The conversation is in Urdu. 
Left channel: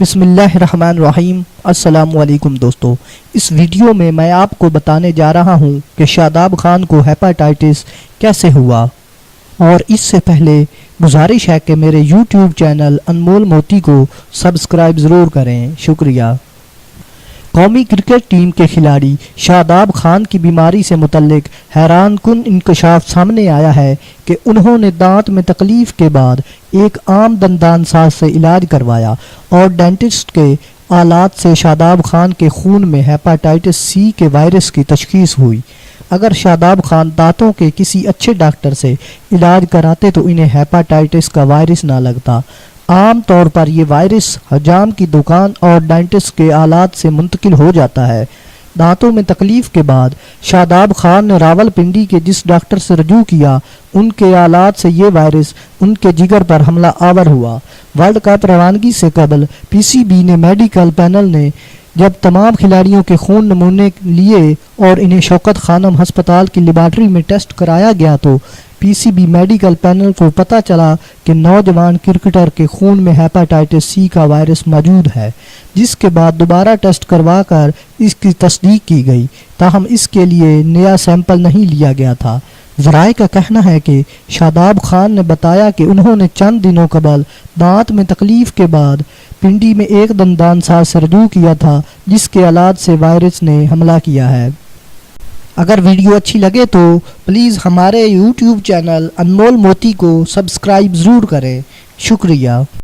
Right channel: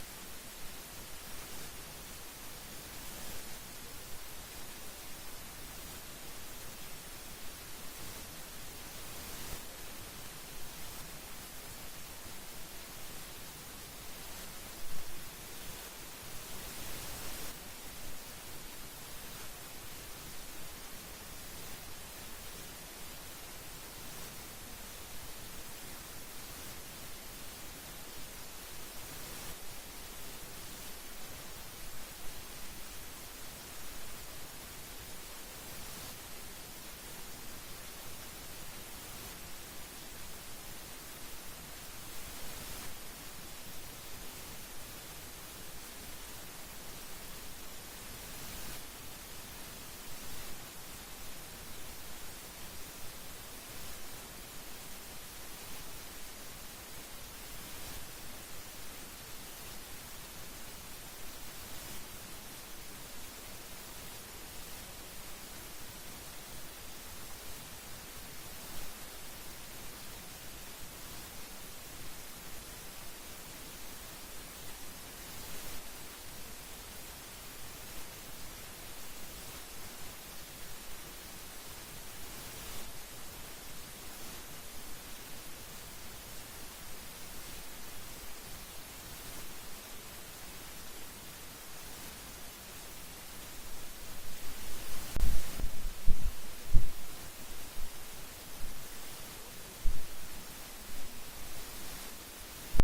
بسم اللہ الرحمن الرحیم۔ السلام علیکم دوستو، اس ویڈیو میں میں آپ کو بتانے جا رہا ہوں کہ شاداب خان کو ہیپاٹائٹس کیسے ہوا، اور اس سے پہلے گزارش ہے کہ میرے یوٹیوب چینل انمول موتی کو سبسکرائب ضرور کریں، شکریہ۔ قومی کرکٹ ٹیم کے کھلاڑی شاداب خان کی بیماری سے متعلق حیران کن انکشاف سامنے آیا ہے کہ انہوں نے دانت میں تکلیف کے بعد ایک عام دندان ساز سے علاج کروایا اور ڈینٹسٹ کے آلات سے شاداب خان کے خون میں ہیپاٹائٹس سی کے وائرس کی تشخیص ہوئی۔ اگر شاداب خان دانتوں کے کسی اچھے ڈاکٹر سے علاج کراتے تو انہیں ہیپاٹائٹس کا وائرس نہ لگتا۔ عام طور پر یہ وائرس حجام کی دکان اور ڈینٹسٹ کے آلات سے منتقل ہو جاتا ہے۔ دانتوں میں تکلیف کے بعد شاداب خان نے راول پنڈی کے جس ڈاکٹر سے رجوع کیا، ان کے آلات سے یہ وائرس ان کے جگر پر حملہ آور ہوا۔ ورلڈ کپ روانگی سے قبل پی سی بی نے میڈیکل پینل نے جب تمام کھلاڑیوں کے خون نمونے لیے اور انہیں شوکت خانم ہسپتال کی لیبارٹری میں ٹیسٹ کرایا گیا تو پی سی بی میڈیکل پینل کو پتہ چلا کہ نوجوان کرکٹر کے خون میں ہیپاٹائٹس سی کا وائرس موجود ہے، جس کے بعد دوبارہ ٹیسٹ کروا کر اس کی تصدیق کی گئی، تاہم اس کے لیے نیا سیمپل نہیں لیا گیا تھا۔ ذرائع کا کہنا ہے کہ شاداب خان نے بتایا کہ انہوں نے چند دنوں قبل دانت میں تکلیف کے بعد پنڈی میں ایک دندان ساز سے رجوع کیا تھا، جس کے آلات سے وائرس نے حملہ کیا ہے۔ اگر ویڈیو اچھی لگے تو پلیز ہمارے یوٹیوب چینل انمول موتی کو سبسکرائب ضرور کریں، شکریہ۔